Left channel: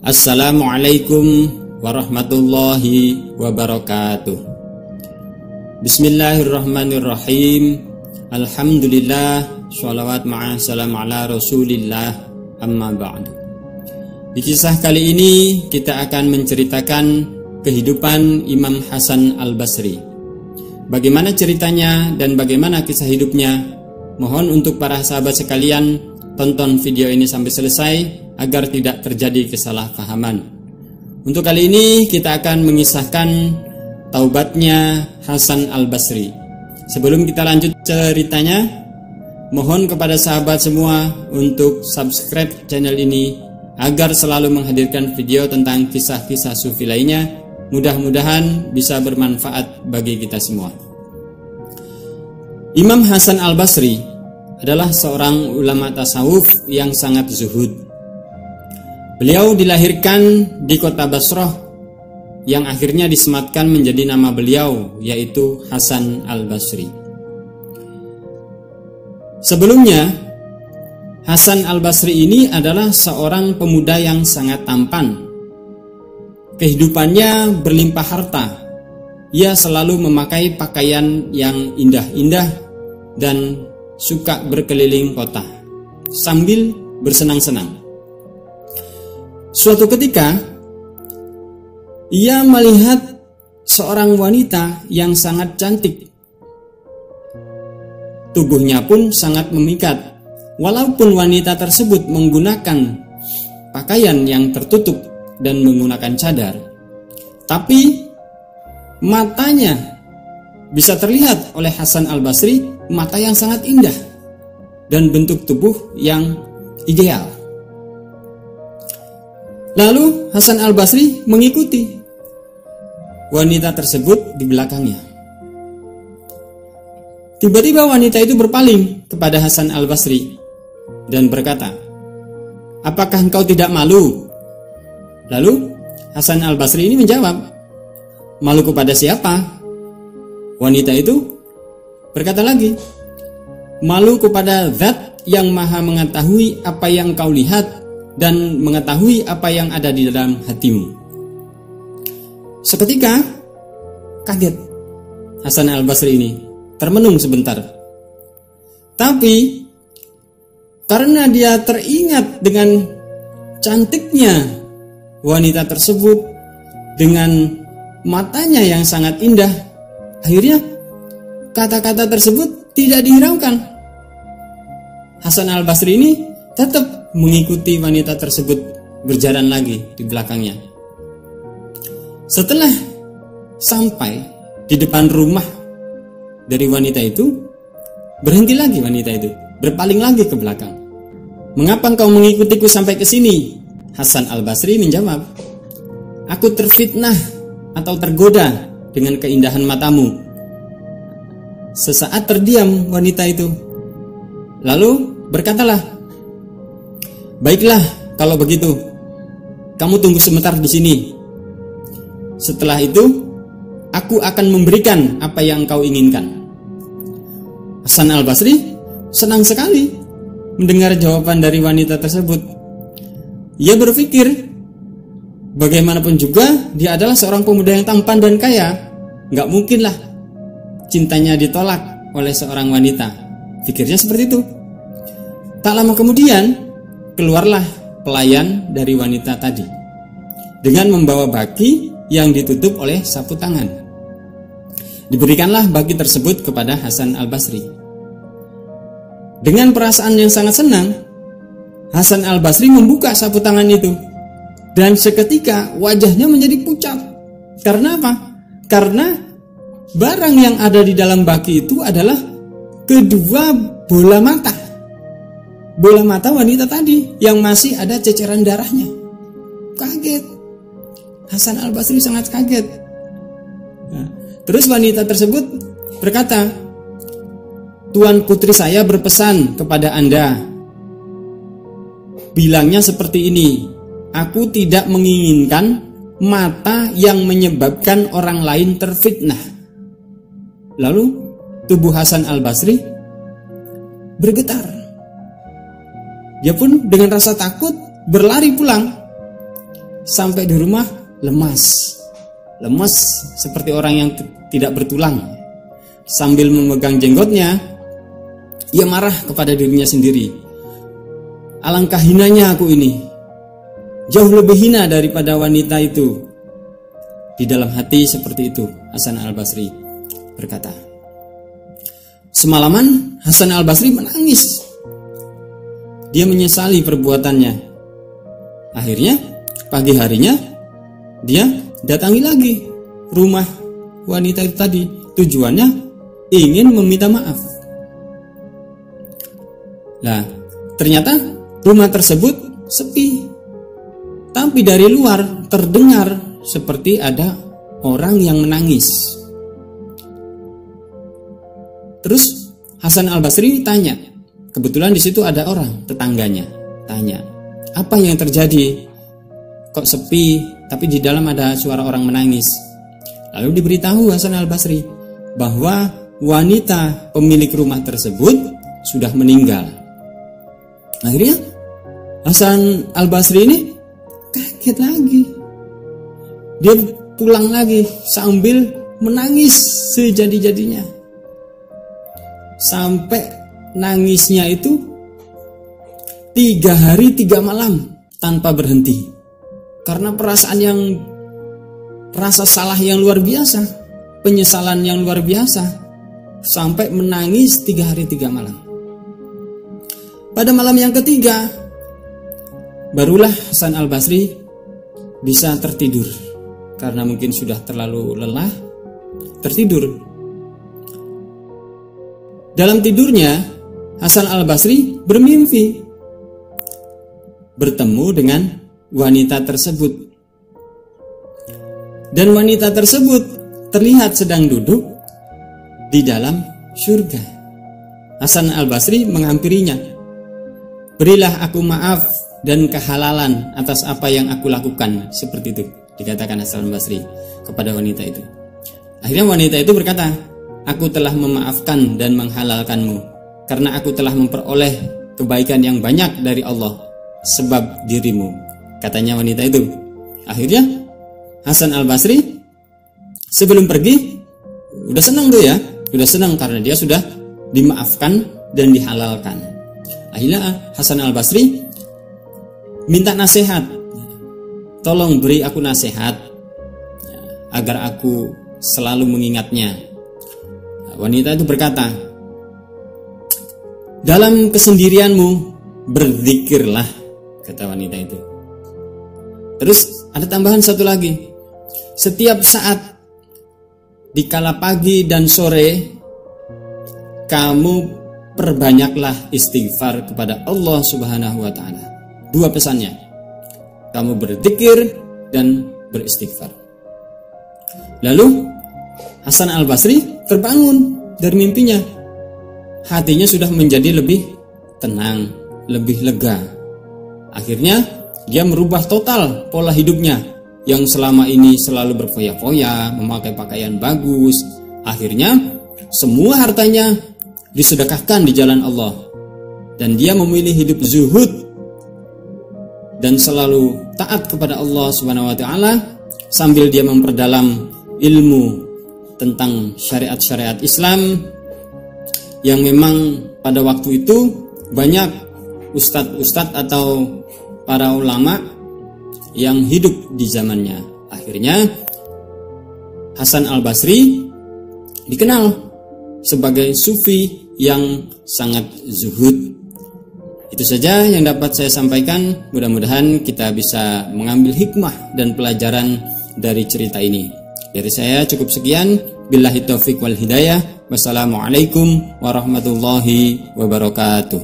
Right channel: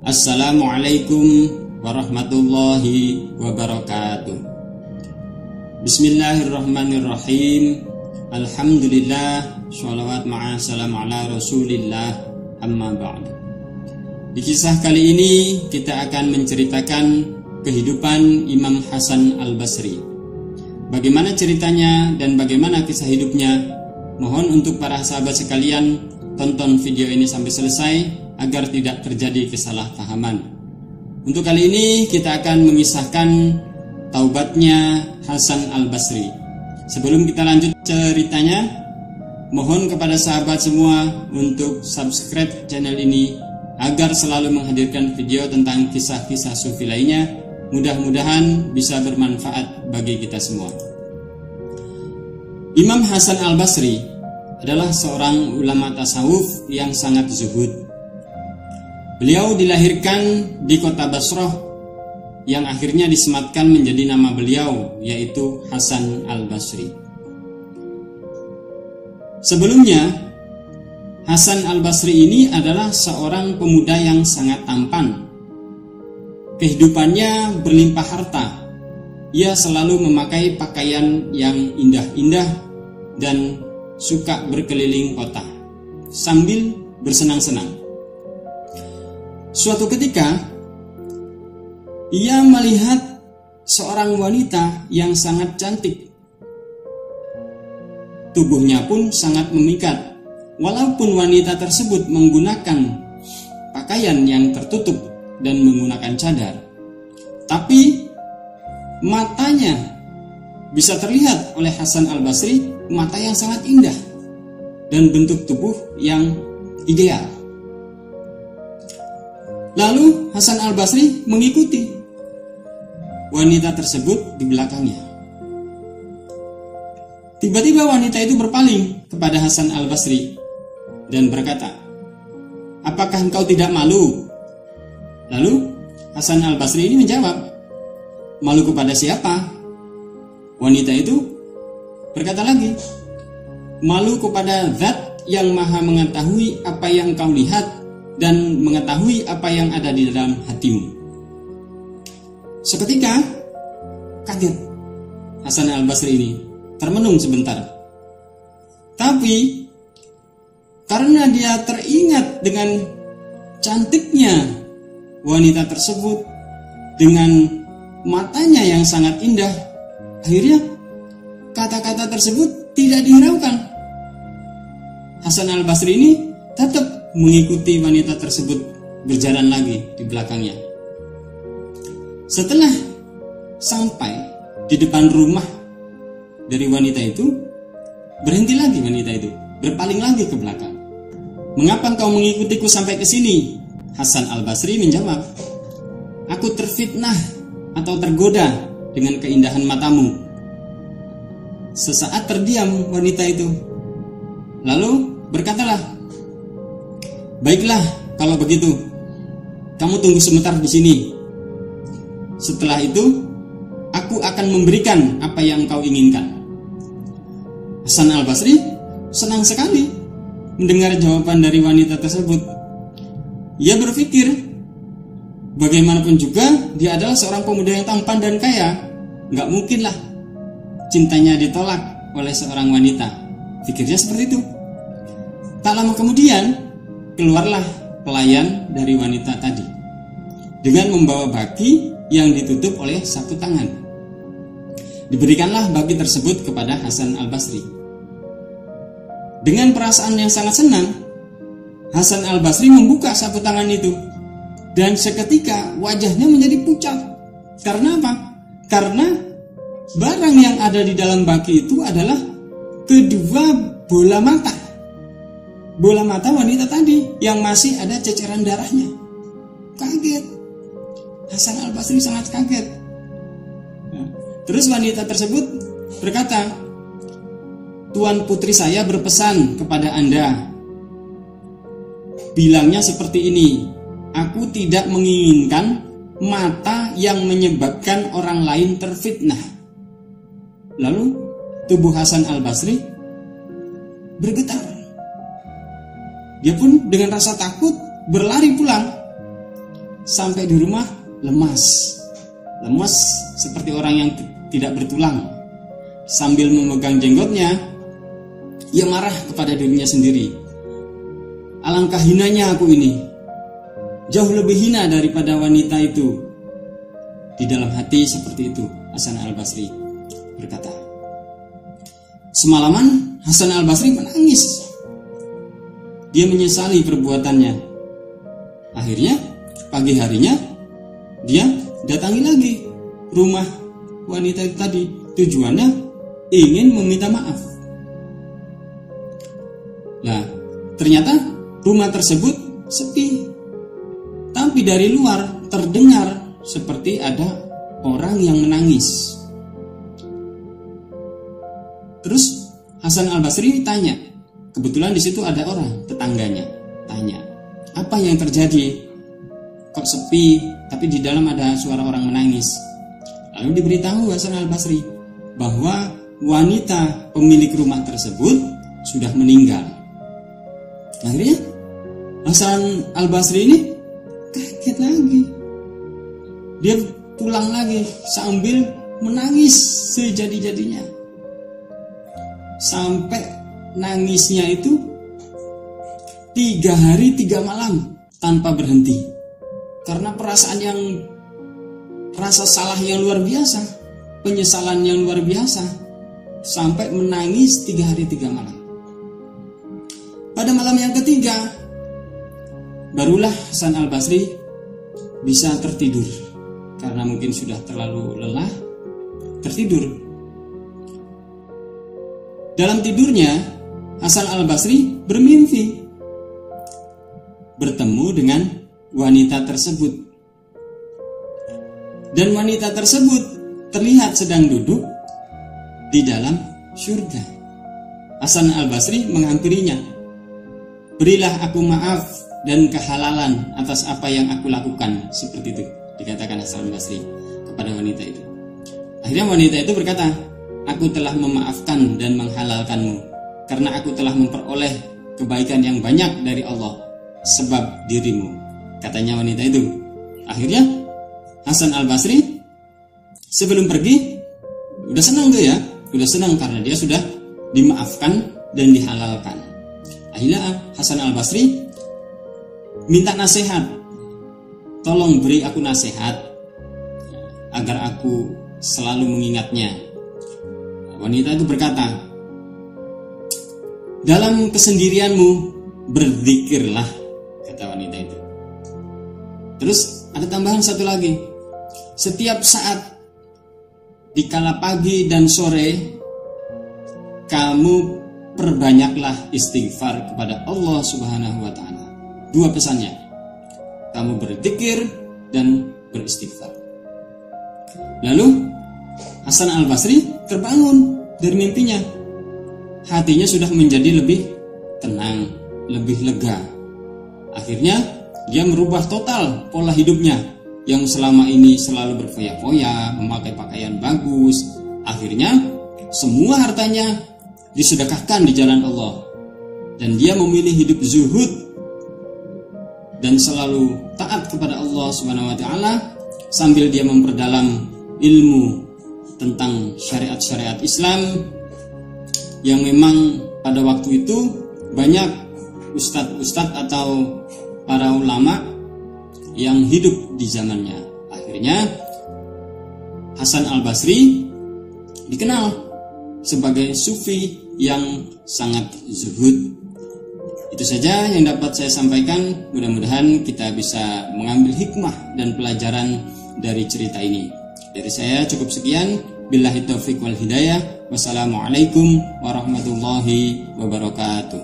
Assalamualaikum warahmatullahi wabarakatuh. Bismillahirrahmanirrahim. Alhamdulillah, sholawat ma'a salam ala rasulillah, amma ba'du. Di kisah kali ini kita akan menceritakan kehidupan Imam Hasan al-Basri. Bagaimana ceritanya dan bagaimana kisah hidupnya? Mohon untuk para sahabat sekalian tonton video ini sampai selesai agar tidak terjadi kesalahpahaman. Untuk kali ini kita akan mengisahkan taubatnya Hasan al-Basri. Sebelum kita lanjut ceritanya, mohon kepada sahabat semua untuk subscribe channel ini agar selalu menghadirkan video tentang kisah-kisah sufi lainnya. Mudah-mudahan bisa bermanfaat bagi kita semua. Imam Hasan al-Basri adalah seorang ulama tasawuf yang sangat zuhud. Beliau dilahirkan di kota Basrah yang akhirnya disematkan menjadi nama beliau, yaitu Hasan al-Basri. Sebelumnya, Hasan al-Basri ini adalah seorang pemuda yang sangat tampan. Kehidupannya berlimpah harta. Ia selalu memakai pakaian yang indah-indah dan suka berkeliling kota sambil bersenang-senang. Suatu ketika, ia melihat seorang wanita yang sangat cantik. Tubuhnya pun sangat memikat. Walaupun wanita tersebut menggunakan pakaian yang tertutup dan menggunakan cadar, tapi matanya bisa terlihat oleh Hasan al-Basri, mata yang sangat indah dan bentuk tubuh yang ideal. Lalu Hasan al-Basri mengikuti wanita tersebut di belakangnya. Tiba-tiba wanita itu berpaling kepada Hasan al-Basri dan berkata, "Apakah engkau tidak malu?" Lalu Hasan al-Basri ini menjawab, "Malu kepada siapa?" Wanita itu berkata lagi, "Malu kepada Zat yang maha mengetahui apa yang kau lihat dan mengetahui apa yang ada di dalam hatimu." Seketika kaget Hasan al-Basri ini, termenung sebentar. Tapi karena dia teringat dengan cantiknya wanita tersebut dengan matanya yang sangat indah, akhirnya kata-kata tersebut tidak dihiraukan. Hasan al-Basri ini tetap mengikuti wanita tersebut berjalan lagi di belakangnya. Setelah sampai di depan rumah dari wanita itu, berhenti lagi wanita itu, berpaling lagi ke belakang. "Mengapa engkau mengikutiku sampai ke sini?" Hasan al-Basri menjawab, "Aku terfitnah atau tergoda dengan keindahan matamu." Sesaat terdiam wanita itu, lalu berkatalah, "Baiklah, kalau begitu, kamu tunggu sebentar di sini. Setelah itu, aku akan memberikan apa yang kau inginkan." Hasan al-Basri senang sekali mendengar jawaban dari wanita tersebut. Ia berpikir, bagaimanapun juga dia adalah seorang pemuda yang tampan dan kaya. Gak mungkinlah cintanya ditolak oleh seorang wanita. Pikirnya seperti itu. Tak lama kemudian, keluarlah pelayan dari wanita tadi dengan membawa baki yang ditutup oleh sapu tangan. Diberikanlah baki tersebut kepada Hasan al-Basri. Dengan perasaan yang sangat senang, Hasan al-Basri membuka sapu tangan itu, dan seketika wajahnya menjadi pucat. Karena apa? Karena barang yang ada di dalam baki itu adalah kedua bola mata. Bola mata wanita tadi yang masih ada ceceran darahnya. Kaget. Hasan al-Basri sangat kaget. Terus wanita tersebut berkata, "Tuan putri saya berpesan kepada Anda. Bilangnya seperti ini, aku tidak menginginkan mata yang menyebabkan orang lain terfitnah." Lalu tubuh Hasan al-Basri bergetar. Dia pun dengan rasa takut berlari pulang. sampai di rumah lemas seperti orang yang tidak bertulang. Sambil memegang jenggotnya, ia marah kepada dirinya sendiri. Alangkah hinanya aku ini, jauh lebih hina daripada wanita itu. Di dalam hati seperti itu Hasan al-Basri berkata. Semalaman Hasan al-Basri menangis. Dia menyesali perbuatannya. Akhirnya pagi harinya dia datangi lagi rumah wanita itu tadi. Tujuannya ingin meminta maaf. Nah, ternyata rumah tersebut sepi. Tapi dari luar terdengar seperti ada orang yang menangis. Terus Hasan al-Basri tanya. Kebetulan di situ ada orang, tetangganya. Tanya, apa yang terjadi? Kok sepi, tapi di dalam ada suara orang menangis. Lalu diberitahu Hasan al-Basri bahwa wanita pemilik rumah tersebut sudah meninggal. Akhirnya Hasan al-Basri ini kaget lagi. Dia pulang lagi sambil menangis sejadi-jadinya. Sampai nangisnya itu 3 hari 3 malam tanpa berhenti. Karena rasa salah yang luar biasa, penyesalan yang luar biasa, sampai menangis 3 hari 3 malam. Pada malam yang ketiga, barulah Hasan al-Basri bisa tertidur. Karena mungkin sudah terlalu lelah, tertidur. Dalam tidurnya, Hasan al-Basri bermimpi bertemu dengan wanita tersebut. Dan wanita tersebut terlihat sedang duduk di dalam surga. Hasan al-Basri menghampirinya. Berilah aku maaf dan kehalalan atas apa yang aku lakukan. Seperti itu dikatakan Hasan al-Basri kepada wanita itu. Akhirnya wanita itu berkata, aku telah memaafkan dan menghalalkanmu karena aku telah memperoleh kebaikan yang banyak dari Allah sebab dirimu, katanya wanita itu. Akhirnya Hasan al-Basri sebelum pergi udah senang tuh ya, udah senang karena dia sudah dimaafkan dan dihalalkan. Akhirnya Hasan al-Basri minta nasihat, tolong beri aku nasihat agar aku selalu mengingatnya. Wanita itu berkata, dalam kesendirianmu berzikirlah, kata wanita itu. Terus ada tambahan satu lagi, setiap saat di kala pagi dan sore kamu perbanyaklah istighfar kepada Allah Subhanahu wa taala. 2 pesannya, kamu berzikir dan beristighfar. Lalu Hasan al-Basri terbangun dari mimpinya. Hatinya sudah menjadi lebih tenang, lebih lega. Akhirnya dia merubah total pola hidupnya yang selama ini selalu berfoya-foya, memakai pakaian bagus. Akhirnya semua hartanya disedekahkan di jalan Allah. Dan dia memilih hidup zuhud dan selalu taat kepada Allah Subhanahu wa taala sambil dia memperdalam ilmu tentang syariat-syariat Islam yang memang pada waktu itu banyak ustadz-ustadz atau para ulama yang hidup di zamannya. Akhirnya Hasan al-Basri dikenal sebagai sufi yang sangat zuhud. Itu saja yang dapat saya sampaikan. Mudah-mudahan kita bisa mengambil hikmah dan pelajaran dari cerita ini. Dari saya cukup sekian. Billahi taufiq wal hidayah. Wassalamualaikum warahmatullahi wabarakatuh.